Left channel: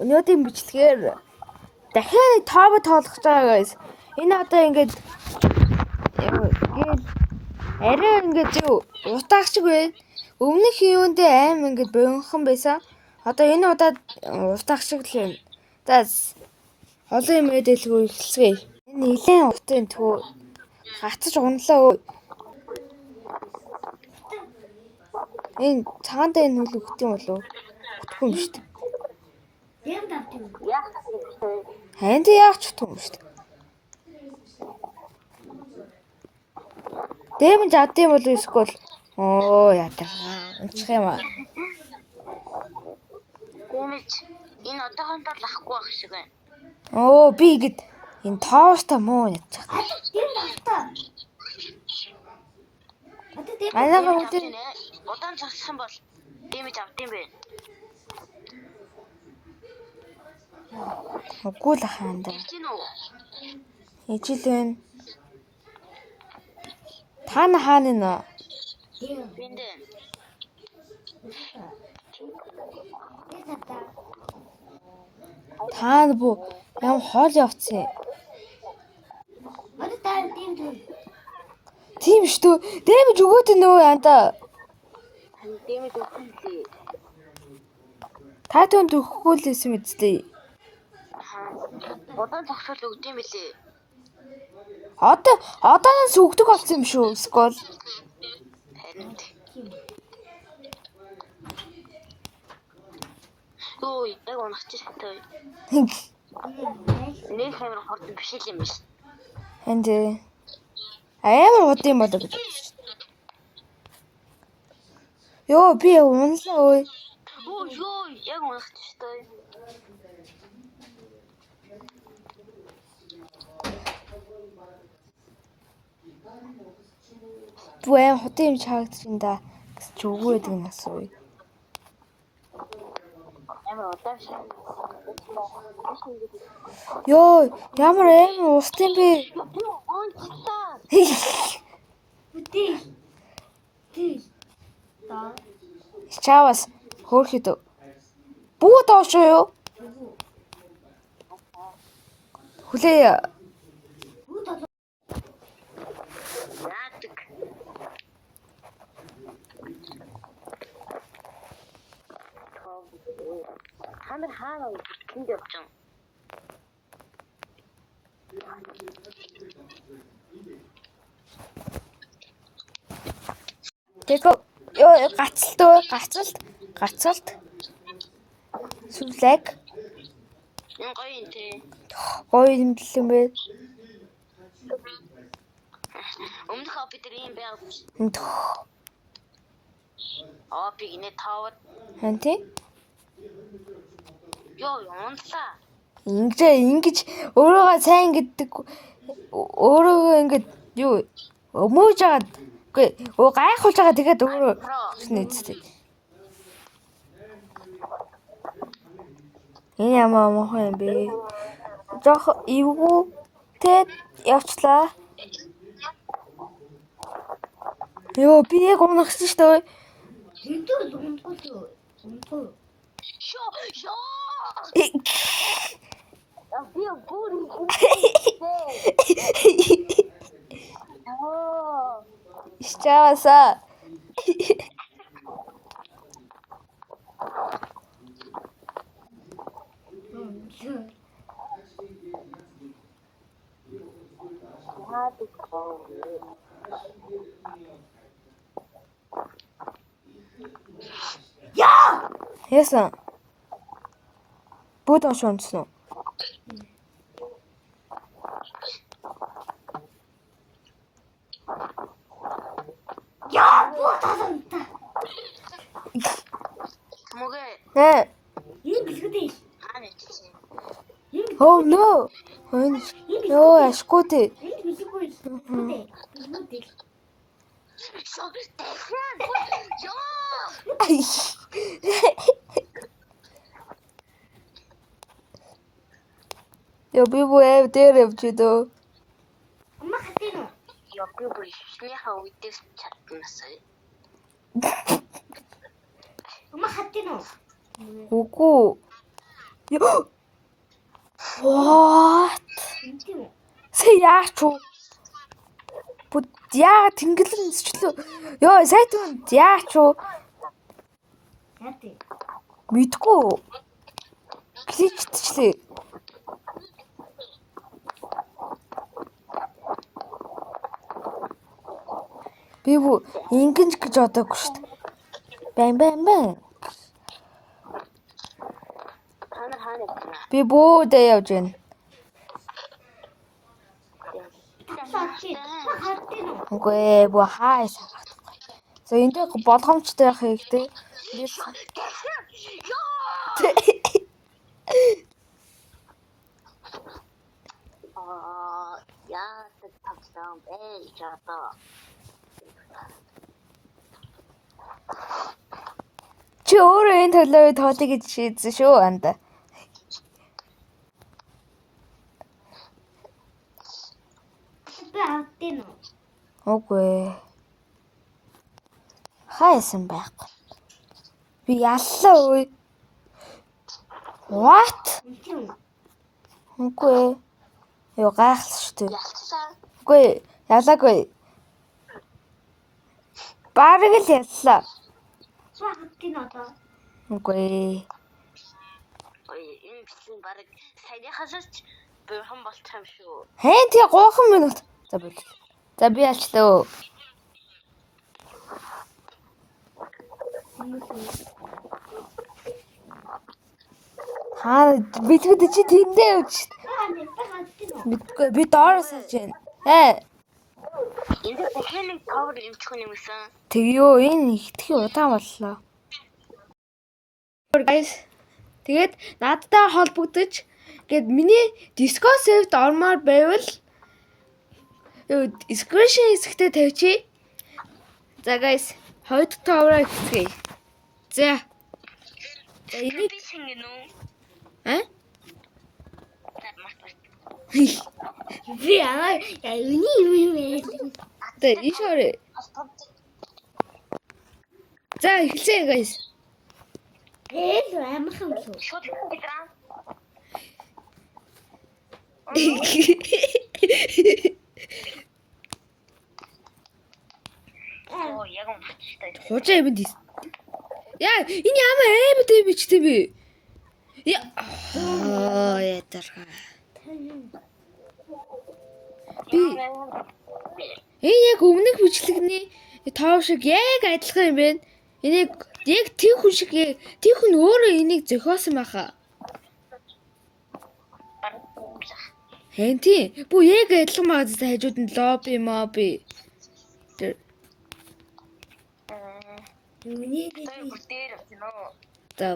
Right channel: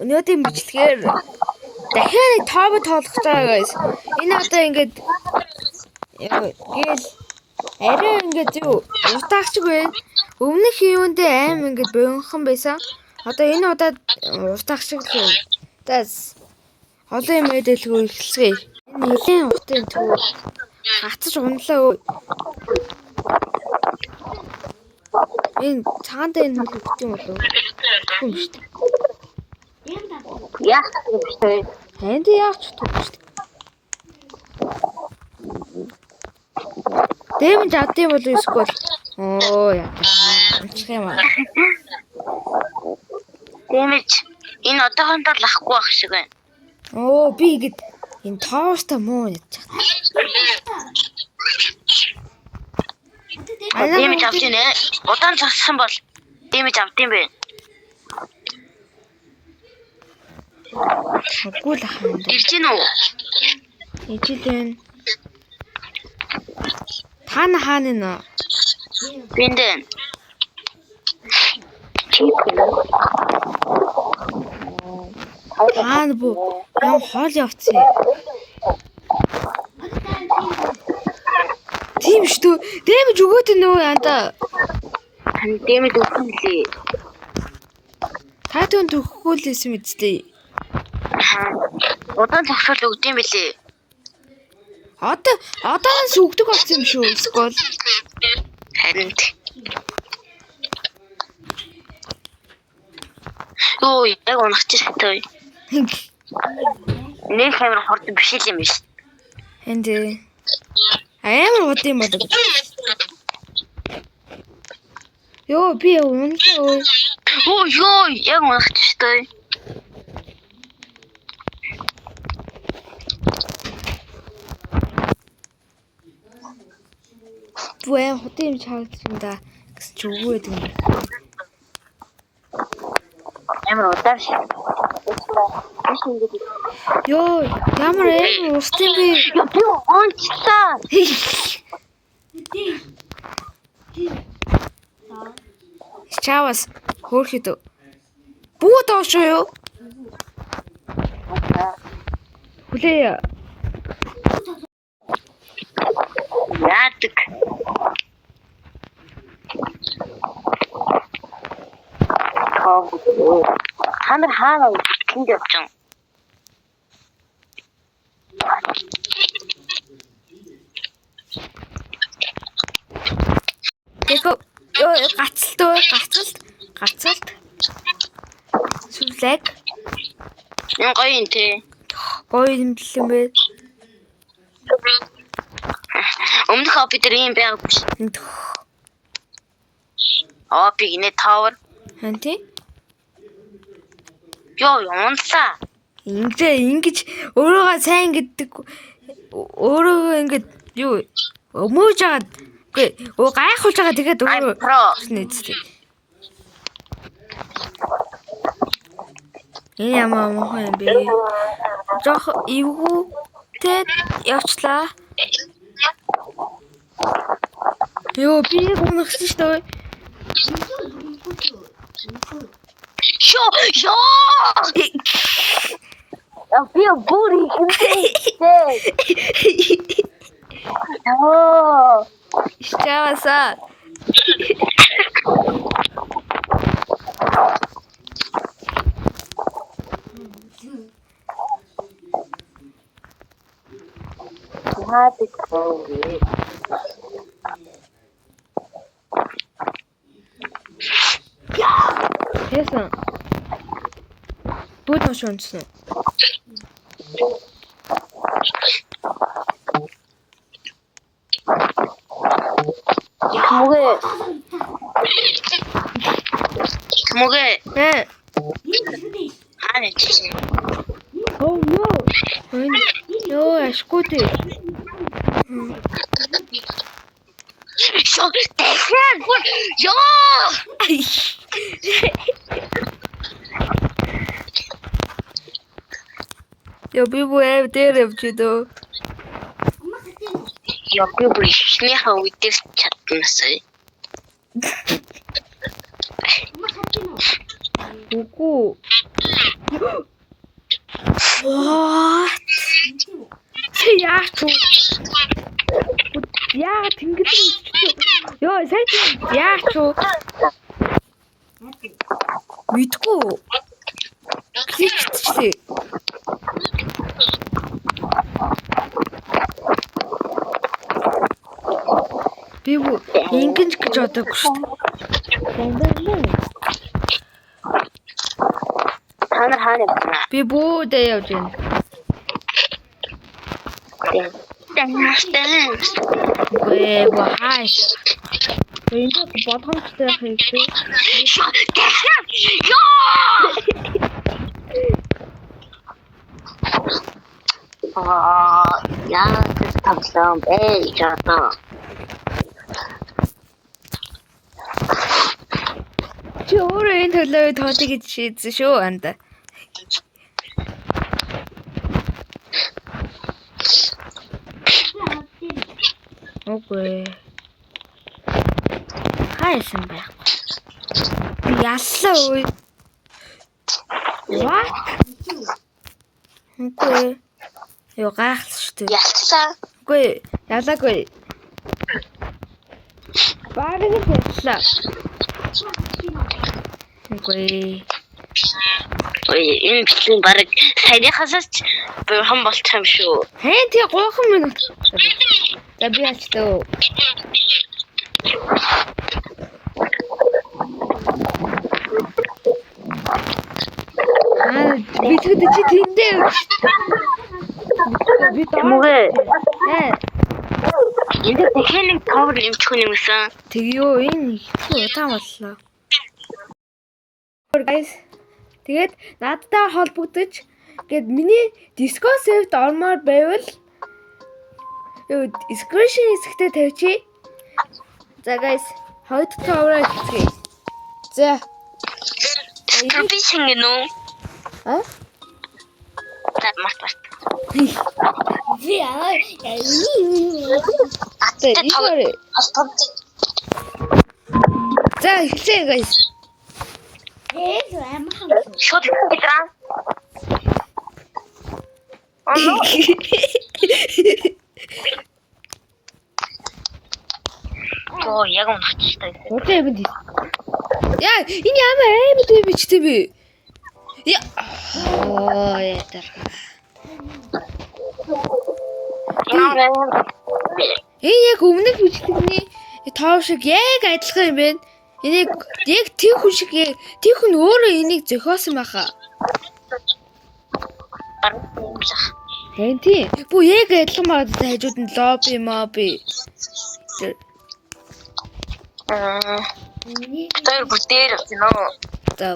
Өнөөдрийн бичлэгээр дахиад тообо тоолох байгаа guys. Энэ одоо ингээд гээл арай ингээд юу утаагч байна. Өмнөх юундээ аим ингээд богинохон байсан. Одоо энэ удаад утаагч л юм. Тас олон юм мэдээлгүй эхэлцгээе. Энэ нэлээд утын түү гацж унлаа өө. Энэ цаанда энэ хөл өгт юм болов уу? Хүм шүү дээ. Яах юм бэ? Ханд яах ч утгагүй шүү дээ. Дэмж адын болов эсвэл оо яа. Унчих юм аа. Дэмж энэ одоохондоо лахгүй байх шиг байна. Оо би ихэд энэ тоостой муу ядчих. Дэмж авч ийнэ. Удаан цогсон бол дэмж авд юм бэ. Үгүй л хаана. Ирж гин үү? Ижидэн. Тана хаана нэ? Биндэн. Хаана бу? Ям хоол явцсан. Тийм шүү дээ. Дэмж өгөөд нөө янда. Тань дэмж өгөх юм лээ. Та түнд өгөхгүй л байсан мэдтэй. Удаан цогсол өгд юм билээ. Одоос өгдөг болсон юм шүү. Эсвэл Харин Өө яг унахч шатаа. Нэг камер хорд биш юм биш. энд амар удаа юм болоо гэж. Йоо би унлаа ой. Оо ёо яг унахч шатаа. Бүэн хотын юм чаагдлаа гэсэн чи үгүй гэдэг юм байна. Амар удаа шээ. Йоо ямар амар устын би. Би онцлаа. Чавас хөөрхөд. Бүү доош юу? Хүлээ. Яадаг. Ханар хаана тэнд явчихсан. Тэко ёо гацалт. Сүлэг. Энэ гоё юм те. Гоё юм юм бэ. Өмнөх хобби дээр юм байгаад биш. Хобби гинэ тавар. Ханти? Ёо унлаа. Ингэж өөрийгөө сайн гэдэг өөрийгөө ингэж юу өмөөж агаад үгүй гайхуулж байгаа тэгээд өөрөө нэцтэй. Энэ ямар мохоо юм бэ? Жох эвгүй тэд явчлаа. Ёо би яг унагсан шүү дээ. Ёо. Би бүри хэмтэй. Оо. Ищаваса. Яасан. Будь онцсон. Могэ. Хаана чи? Oh no. Ёо ашгүйтэй. Шо тэхэн. Ёо. Ёо би бүү дээр явчихдөө. Ёо би бишний хавьдэр чаднасаа. Үгүй. What? Тэ яах вэ? Яа тэнгэлэн өсчлөө. Йоо сайт яах вэ? Мэдгүй. Кликчлээ. Би бүү ингэж гэж бодоогүй шүү дээ. Бам. Та нар хаана явна? Би бүүдээ явж байна. Үгүй бүү хааш. Энд болгоомжтой байх хэрэгтэй. Яа, тавлаа бэ жаа. Чи өөрөө энэ төлөө тоотыг гэж шийдсэн шүү анда. Окей. Хайсан байхгүй. Би яллаа үй. What? Окей. Юу гайхалтай шүү дээ. Ялцсан. Үгүй ялаагүй. Бараг л яллаа. Үгүй. Ой, энэ бичлэг баг саяхаас ч бурхан болчих юм шүү. Хэн тий 3 минут. За би ачтаа. Би тэгвэл чи тэндээ өгч. Би доор. Энд техник cover юмчих юм юмсан. Тэгё энэ итгэх удаан боллоо. Guys. Тэгээд надтай холбогдож гээд миний Discord server-д ормоор байвал description хэсэгтээ тавьчих. За guys, хоёрт тавраа хийцгээе. За. Би шингэнэ үү? Так март. Ви аа. За, эхлэе guys. Шот гитраа. Оо, яг унахчихтай. Хожаа юм ди. Яа, энэ ямар аймаг юм бэ чи би? Яа. Яа тарха. Энэ яг өмнөх бичлэгний тоо шиг яг адилхан юм байна. Энийг яг тийм хүн шиг тийм хүн өөрөө энийг зохиосон байхаа. Хэн тий? Бүү яг адилхан магадтай хажууд нь лобби моби. Тэр бүтээр авсан уу? За.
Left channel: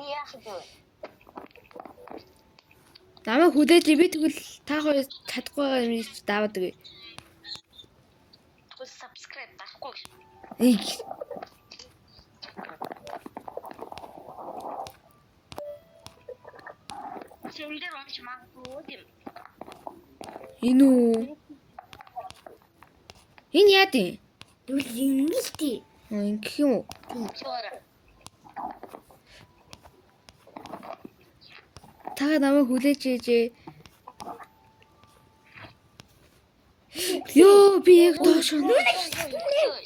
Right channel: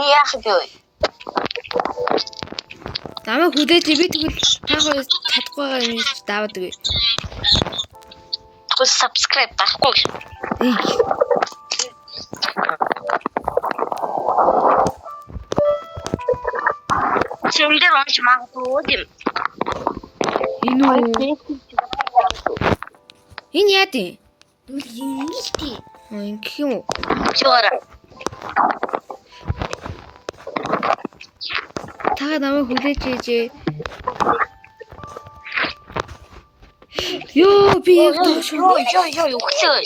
Яах вэ? Намайг хүлээж би тэгвэл та хоёр чадахгүй юм чи даваад өгье. Тэгвэл subscribe байхгүй. Чимдээ онч магадгүй юм. Энэ үү? Энэ яа дээ? Ингэлтэй. Ингэх юм уу? Чора. Та намайг хүлээж ээжээ. Йоо би яг доош. Йоо үхлээ.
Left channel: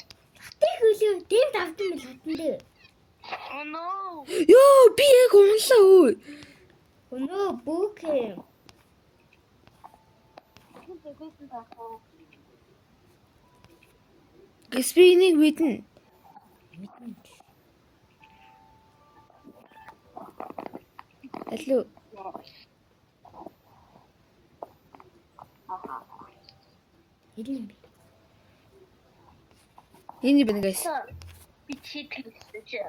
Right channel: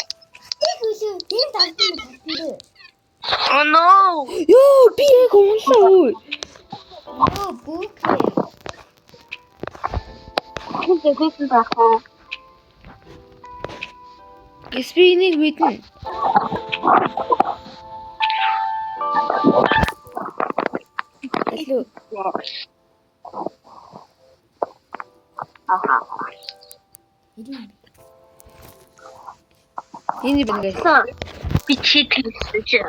Тэгвэл тийм талтын татандаа. Oh no. Йоо би яг унлаа өө. Нөө бүкээ. Тэгсэн байхгүй. Эсвинийг мэднэ. Алло. Аха. Энэ бэн гайс. Би чиглэлтэй.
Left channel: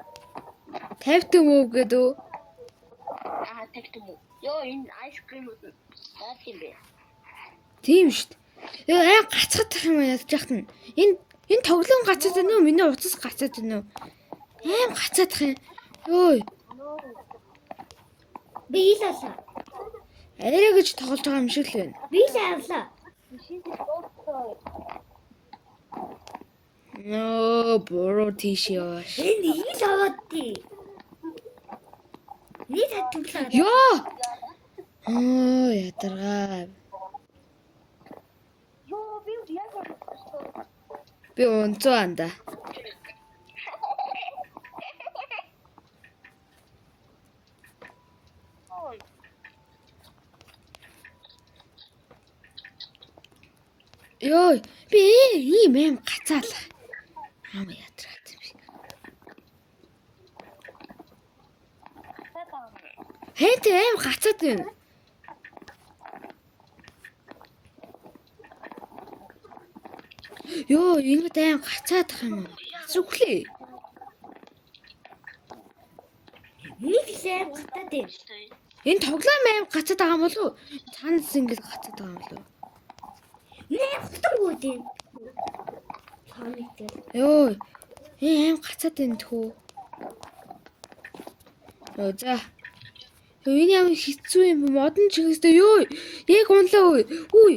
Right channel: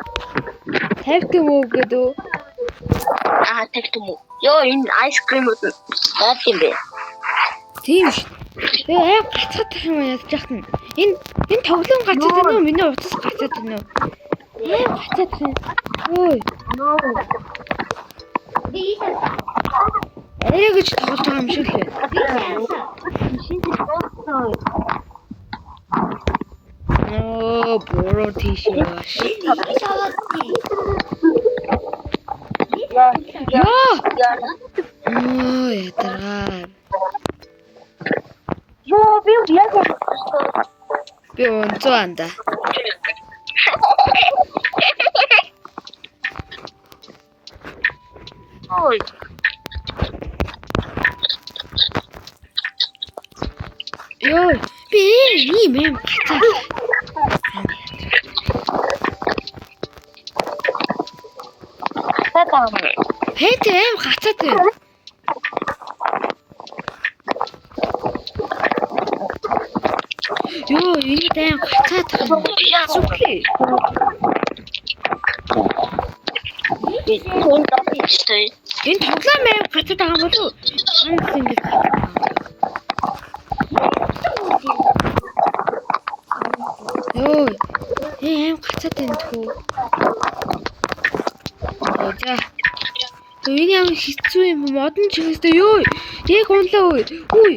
Тавьт юм уу гэдэг. Тэгтэн үү. Йоо энэ айскрим үү? Яа тийм бэ? Тийм шүү. Тэгээ аа гацхадах юм яаж яах нь. Энэ тоглоом гацаад байна уу? Миний утас гацаад байна уу? Гацаадах юм. Ой. Бисээс. Арай гэж тоглож байгаа юм шиг л байна. Бисээс. Нөө буруу тийш яаш. Энэ аваад тий. Яа. Оо ядаргаа. Ёо би яг Би онцоо анда. ой. Ёо би ийм юм гацаа. Хэт эм гацаад байна. Ёо энэ дэм гацаад байна. Зүглээ. Энэ тоглоом аим гацаад байгаа юм болов уу? Ханс ингэж гацаад байгаа юм. Ёо аим гацаад байна тхүү. Оо за. Энэ ямар хэцүү юм модон чиглэлтэй ёо. Яг унлаа үй. Үй.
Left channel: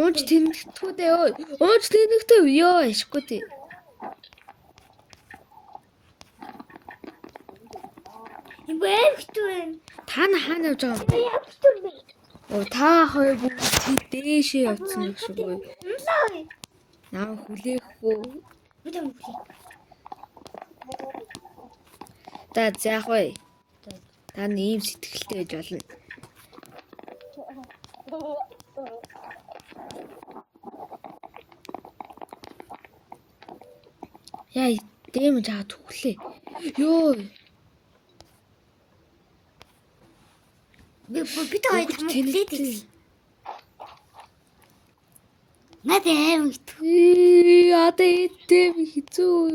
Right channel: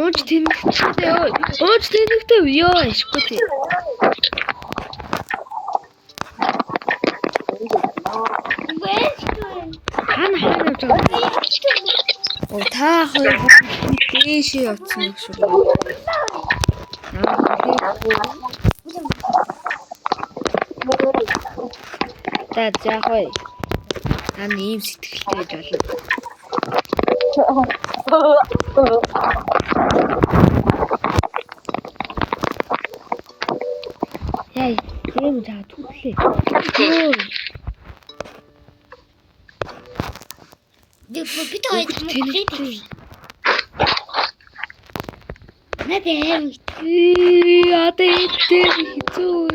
Ууж тэнэгтэй ёо. Ууж тэнэгтэй ёо ашгүй тий. Хаана явж байгаа? Оо та хоёр бүгд дээшээ явцсан юм шиг байна. Наа хэлээгүй. Та заахой. Таны ийм сэтгэлтэй гэж болно. Яа, дэм жаа түглээ. Ёо. Би тэнэгтэй. Надад Ада идэм хэцүү.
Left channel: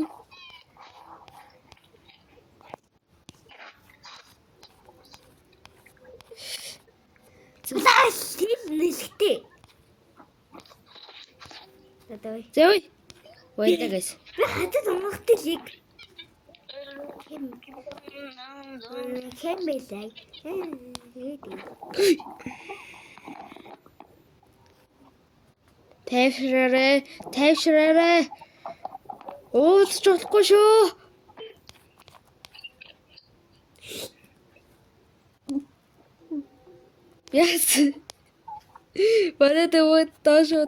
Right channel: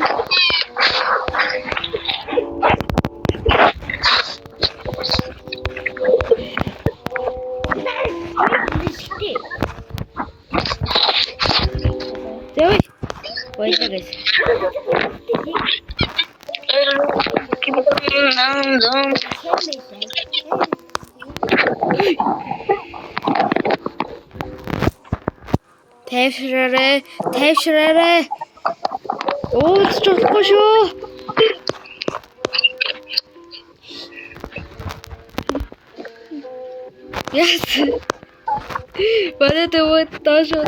Зөө. Баяргаас. Тайвшраарэ. Ууч болохгүй шүү. Яс. Бараад өгөөд доошоо.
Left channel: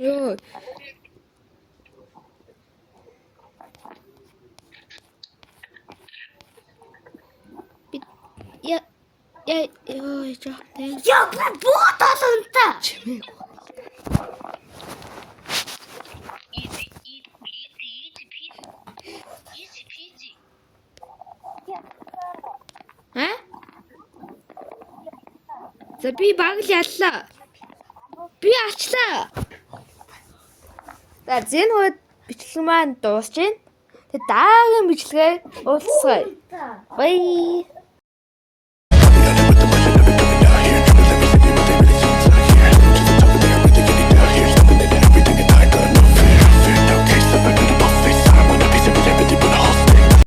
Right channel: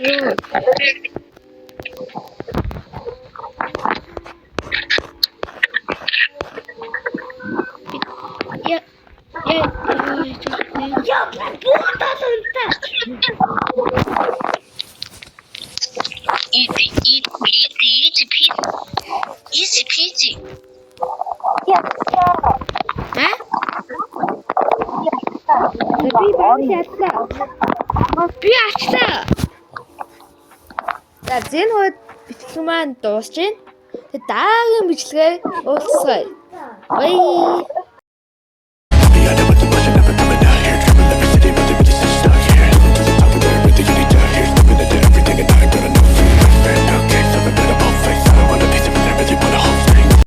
Ёо. Я ботасанта. Easy peasy. А? Би баг яллаа. Би ачлаа. За зэн хойд бичлэг маань дуусж байна. Тэгээ дараагийн бичлэгээ уулзъя. Бай.